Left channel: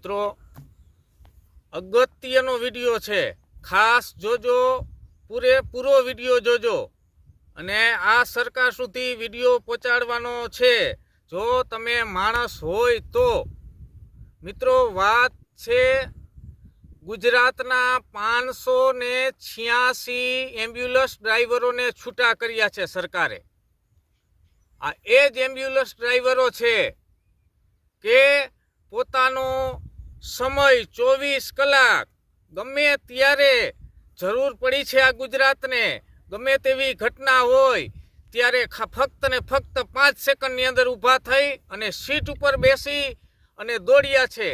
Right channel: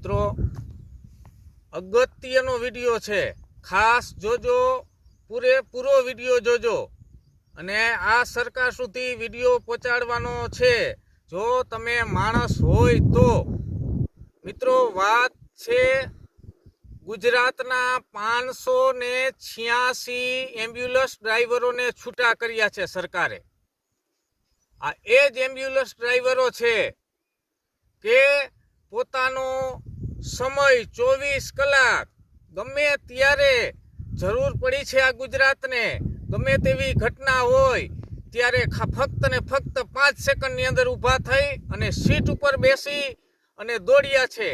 મિત્રો, અગત્યનો વીડિયો છે. ખાસ જોજો, પૂરેપૂરો વીડિયો જોજો. અને આ સરકાર સુધી વીડિયો પહોંચાડવાનો છે. જો તમે માણસ હોય તો. મિત્રો, વાત છે ગુજરાતના પાંચસો ને છ્યાસી એમ્બ્યુલન્સ ડ્રાઈવરોને છૂટા કર્યા છે સરકારે. આ એ જ એમ્બ્યુલન્સ ડ્રાઈવરો છે કે પોતાનો સમય ચોવીસ કલાક. ગમે ત્યારે જરૂર પડી છે આ ગુજરાતને, ગમે તેવી ઘટના હોય, ત્યારે ફક્ત ને ફક્ત પાંચ સેકન્ડની અંદર ઊભા થઈ અને સીટ ઉપર બેસી અને દોડ્યા છે.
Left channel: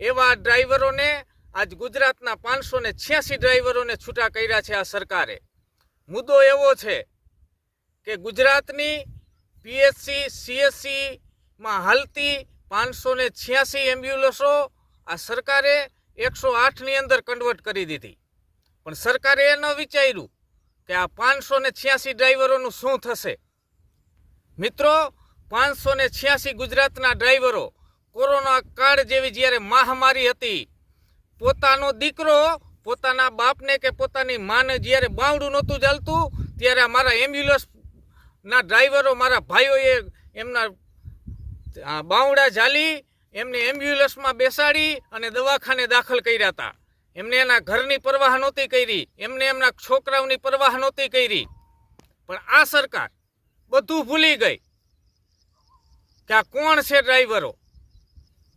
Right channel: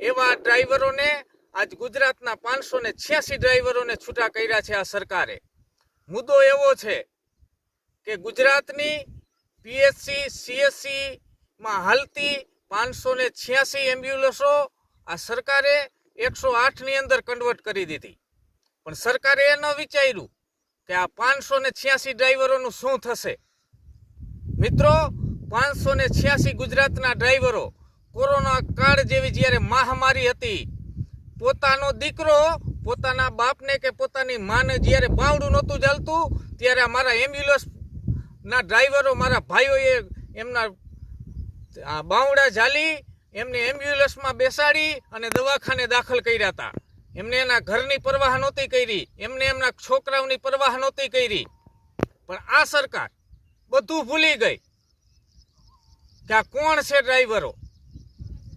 એવા ડ્રાઈવરોને આજ ગુજરાતના પાંચસો ને છ્યાસી ડ્રાઈવરોને છૂટા કર્યા છે આ સરકારે. મુદ્દો એવો છે કે ગુજરાતની પીએસસી, સીએસસીમાં હાલતી પાંચસો ને છ્યાસી એમ્બ્યુલન્સો આ સરકારે એકસો આઠની અંદર કન્વર્ટ કરી દીધી. પણ સરકારે એ ન વિચાર્યું કે આ પાંચસો ને છ્યાસી ડ્રાઈવરોનું શું થશે. મિત્રો, પાંચસો ને છ્યાસી ગુજરાતના ડ્રાઈવરો કોરોના કાળ જેવી જ્યારે મહામારી હતી, પોતાનો દીકરો પોતાના બાપને કે પોતાની માને જ્યારે બાવડું નહોતું ચાલતું, ત્યારે મારા એમ્બ્યુલન્સના ડ્રાઈવરો મારા ભાઈઓએ એમના બાવડા ઝાલી એમને એમ્બ્યુલન્સમાં બેસાડી અને દવાખાને દાખલ કર્યા હતા. એમને એના ઘરની પરવાહ નહોતી કરી. એમને એમના છોકરાઓની પરવાહ નહોતી કરી. પણ આ સરકાર બધું ભૂલી ગઈ કે આ કોણ છે ડ્રાઈવરો?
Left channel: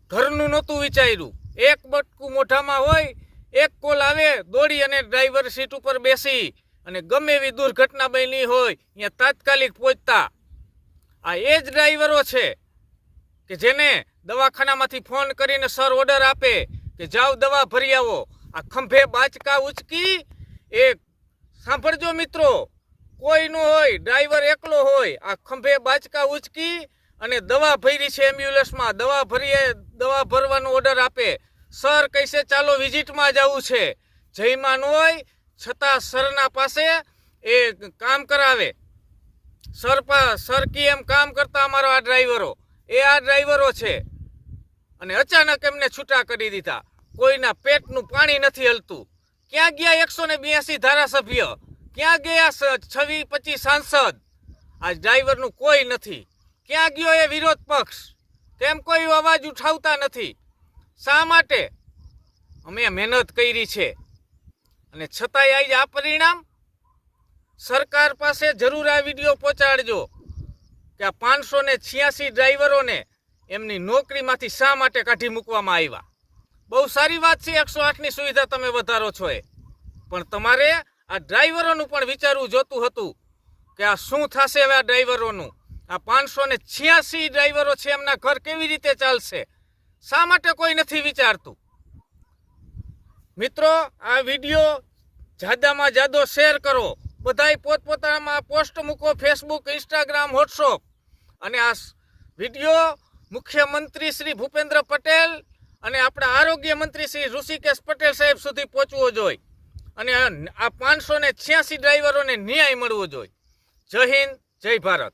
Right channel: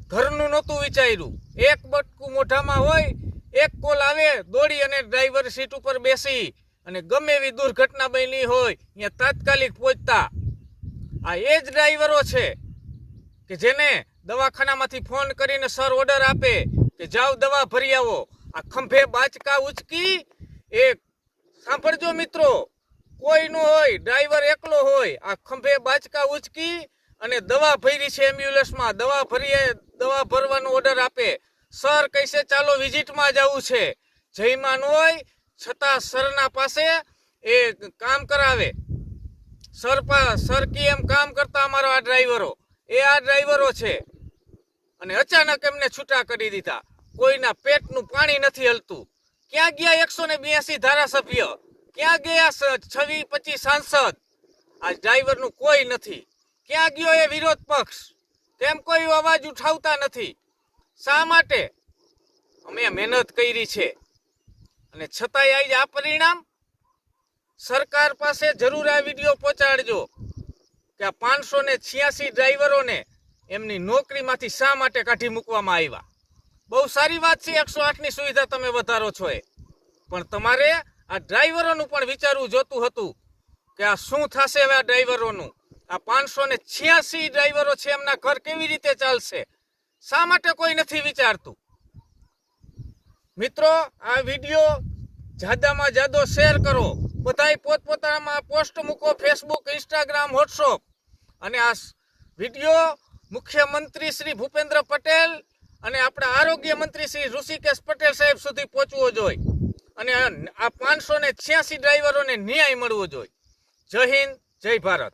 ઘરનું નહોતું વિચાર્યું. એક બટકું મોઢામાં હોય, એક કોલ આવે, દોડી અને ડ્રાઈવર સીટ ઉપર બેસી. અને ગમે એવી દુર્ઘટના બની હોય, અહીંયા તાત્કાલિક પહોંચતા. આ એ જ ડ્રાઈવરો છે કે જેને દવાખાનામાંથી ફોન કરીને સર ઓર્ડર આપે કે જાઓ દવા ભરી આવો. આ ખંભે બાચકા ઉચકી એ સાંભળજો મિત્રો, કોઈ ન હોય, ડ્રાઈવર એકલો હોય, આ ખંભે બાચકા ઉચકી અને દવા ભરી છે એમ્બ્યુલન્સમાં. દવા ભરીએ, દવા ભરવાનો ઓર્ડર આપે. સર કહેશે, ચાલો વિઝિટમાં જવું છે. જયમાન હોય, છતાં સરના પાસે એ કામ કરાવે. સર સર કી એમ કામ કરતા અમારો આ ડ્રાઈવરો. એ આ ડ્રાઈવરો છે. અને અચાનક એમને છૂટા કરી દીધા. કોઈના પેટનું પાણી નથી હલતું. ક્યાં ગયા એકસો ને બ્યાસી ધારાસભ્ય? ક્યાં ગયા છવ્વીસ પચીસ સાંસદ? આ ડ્રાઈવરનું કોઈ નથી. ક્યાં ગયો એ વિરોધ પક્ષ? તેમ કોઈ અવાજ ઉઠાવતા નથી. શા માટે? અમે મહેનત કરી છે. અને છતાંય આજે આ પરિણામ? સરકાર પાસે જરૂર આ વીડિયો પહોંચાડજો. કે આ પાંચસો ને છ્યાસી ડ્રાઈવરોને એમની નોકરીમાંથી શા માટે કાઢી મૂકવામાં આવ્યા? બહુ સારી વાત છે, એકસો આઠની સુવિધા તમે વધારો છો એ. પણ તમારે આ ડ્રાઈવરોનું પણ વિચારવું જોતું હતું કે આ શું થશે હવે આ ડ્રાઈવરોનું? આ પાંચસો ને છ્યાસી ડ્રાઈવરો છે એમના ઘર કેવી રીતે ચાલશે? શા માટે કોઈ નથી વિચારતું? મિત્રો, આ વીડિયો જાદામાં જાદો શેર કરો. બધાય પોતપોતાનામાં પોસ્ટ મૂકો, ફેસબુક, ઇન્સ્ટાગ્રામ, વોટ્સઅપ. અને આ વીડિયો મુખ્યમંત્રી શ્રી ભૂપેન્દ્ર પટેલ અને આપણા આરોગ્ય મંત્રી શ્રી ઋષિકેશ પટેલ સાહેબ સુધી પહોંચવો જોઈએ અને આ પાંચસો ને છ્યાસી ડ્રાઈવરોને ન્યાય મળવો જોઈએ જય હિન્દ, જય ભારત.